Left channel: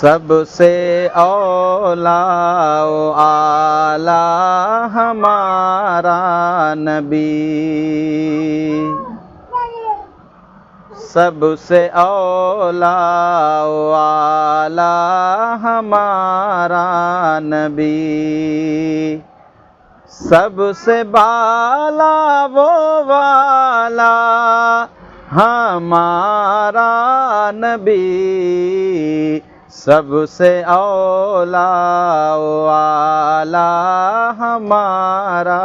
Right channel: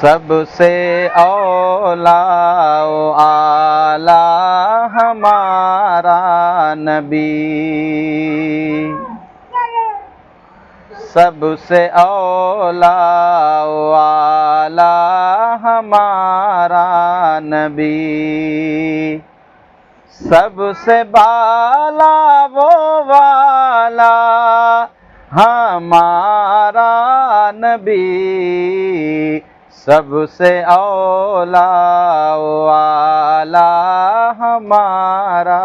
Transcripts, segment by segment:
سب سے اولا و اعلیٰ ہمارا نبی، سب سے اولا و اعلیٰ ہمارا نبی، سب سے بالا وہ والا ہمارا نبی، سب سے اولا و اعلیٰ ہمارا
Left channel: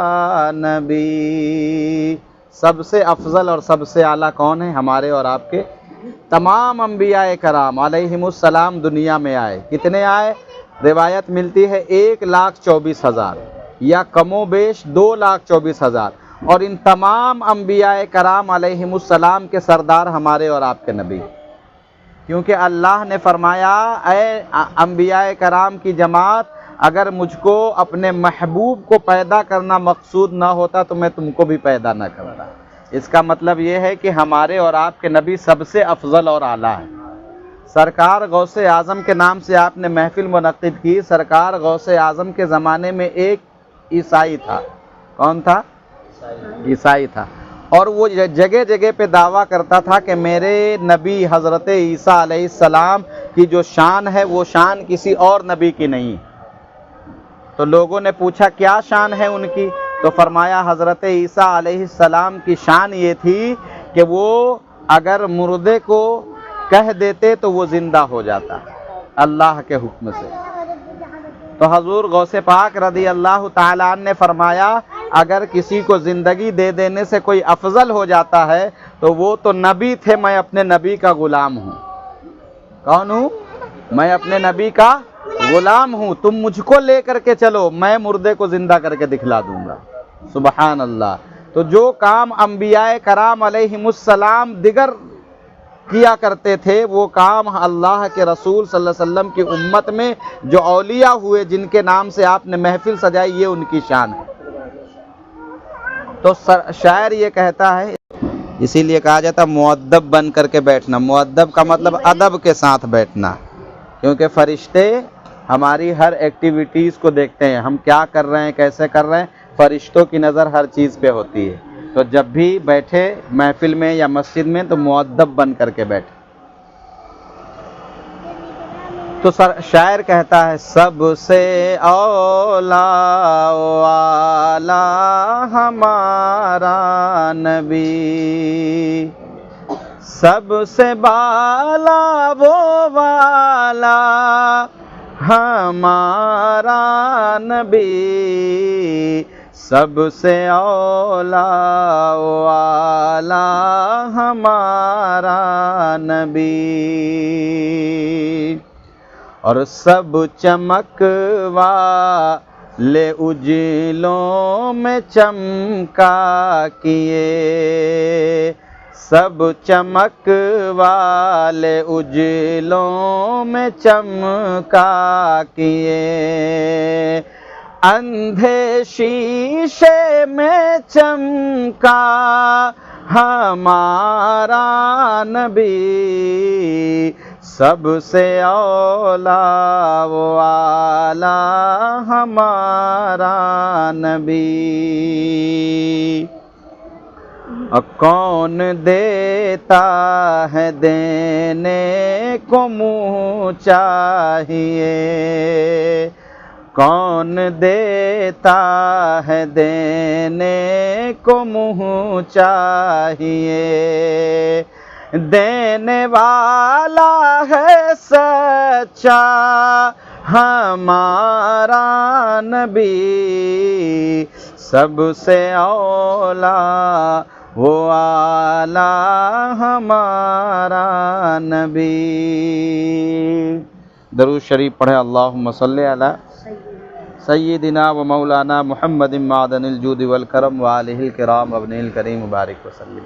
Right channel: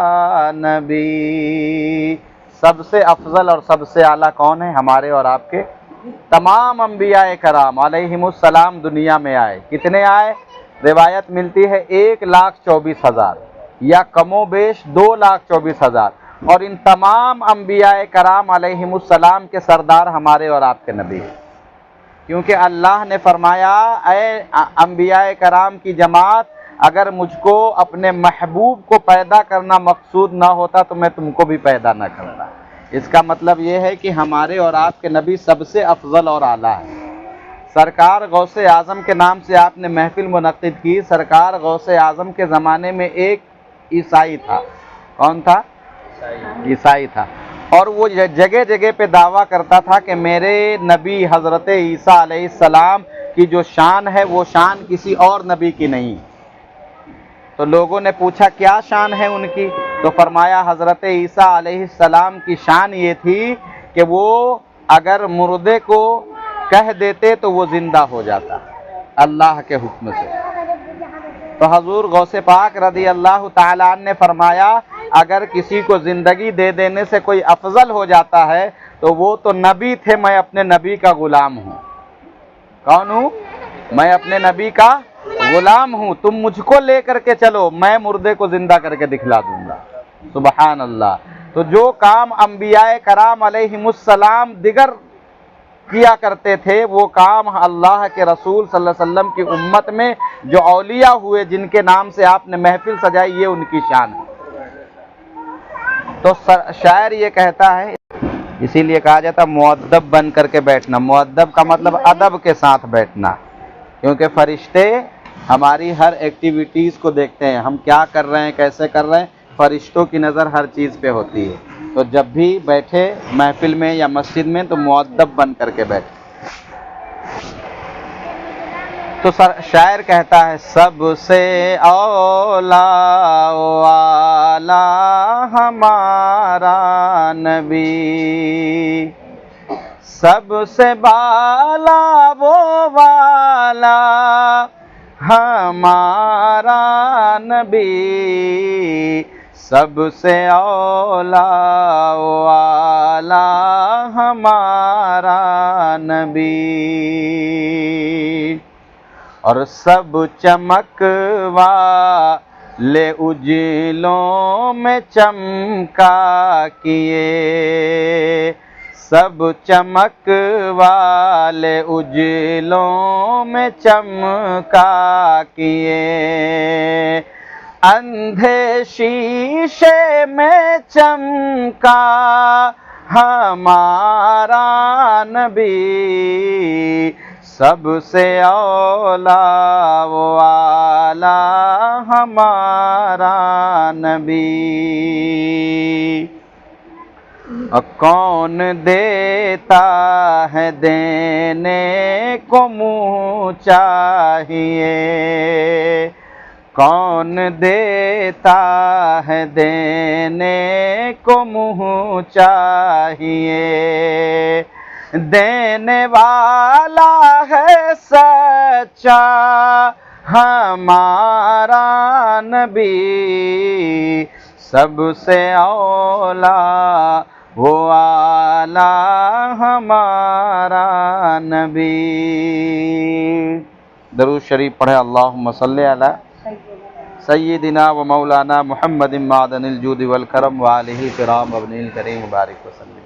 نبی۔ سب سے افضل اور سب سے اعلیٰ کون ہے؟ ہمارے اور آپ کے تمام انبیاء کرام علیہم السلام دنیا میں آئے۔ کتنے آئے؟ روایت ملتی ہے 1,24,000 یا کم و بیش 2,24,000، اور ان تمام انبیاء کرام علیہم السلام کے سردار ہمارے اور آپ کے نبی ہیں، کیونکہ اللہ نے فرمایا اے انبیاء کرام کی جماعت، اگر مجھ کو اپنے محبوب کو پیدا کرنا مقصود نہ ہوتا تو میں تم کو بھی پیدا نہ کرتا۔ اس کا مطلب یہ ہے کہ ہمارے اور آپ کے نبی سب سے افضل اور اعلیٰ ہیں۔ سرکار غوث اعظم کے نام سے آپ نے محفل منعقد کی۔ سرکار غوث اعظم کے زمانے میں ایک عیسائی تھا۔ کون تھا؟ عیسائی تھا، اور وہ جگہ جگہ پہ دعویٰ کرتا تھا کہ میرے نبی حضرت عیسیٰ علیہ السلام کی جو شان ہے وہ شان کسی اور نبی کی نہیں۔ تو لوگوں نے پوچھا کیا شان ہے ان کی؟ تو فرمایا حضرت عیسیٰ علیہ السلام کی شان یہ تھی کہ وہ اگر مردے کو کہہ دیتے تو وہ زندہ ہو جاتا اللہ کے حکم سے۔ تو حضور غوث پاک رضی اللہ تعالیٰ عنہ نے فرمایا اگر کسی کو زندگی دے دینے سے کوئی افضل ہو جاتا ہے تو وہ تو نبی تھے، میں اپنے نبی کا غلام ہوں۔ کون ہوں؟ میں اپنے نبی کا غلام ہوں، تم مجھ کو لے کر کے چلو، میں مردے کو زندہ کر کے دکھلا دوں گا۔ سبحان اللہ۔ تو جو کام انبیاء کرام علیہم السلام دیگر کیا کرتے تھے وہ کام اللہ کے رسول صلی اللہ علیہ وسلم کی امت میں جو اولیاء ہوئے جن کے نام سے آپ نے محفل سجائی، یہ ان کی شان ہے۔ تو شاعر یہ کہتا ہے، اسی لیے کہا جاتا مؤدب بن کر کے بیٹھنا۔ مؤدب کا مطلب ادب کے ساتھ بیٹھنا، کیونکہ فرشتے ہماری ہر ایکٹیویٹیز کو دیکھتے ہیں، ہم کیا کر رہے ہیں، کیسے کر رہے ہیں، فرشتوں کی نظر ہر چیز پہ ہوتی ہے۔ تو جب بھی بیٹھے محفل میں یا مسجد میں تو مؤدب بن کر کے بیٹھے۔ تو شاعر کہتا ہے سب سے اولا و اعلیٰ ہمارا نبی، سب سے بالا وہ والا ہمارا نبی، سب سے اولا و اعلیٰ ہمارا نبی، اور سب چمک والے اجلوں میں چمکا کیے، سب چمک والے اجلوں میں چمکا کیے، اندھے شیشے میں چمکا ہمارا نبی، سب سے اولا و اعلیٰ ہمارا نبی، کون دیتا ہے دینے کو منہ چاہیے، کون دیتا ہے دینے کو منہ چاہیے، دینے والا ہے سچا ہمارا نبی، سب سے اولا وہ اعلیٰ ہمارا نبی۔ درود شریف پڑھے، اللہم صلی علی سیدنا و مولانا محمد معدن الجود والکرم وآلہ الکرام وابنہ الکریم مبارک وسلم۔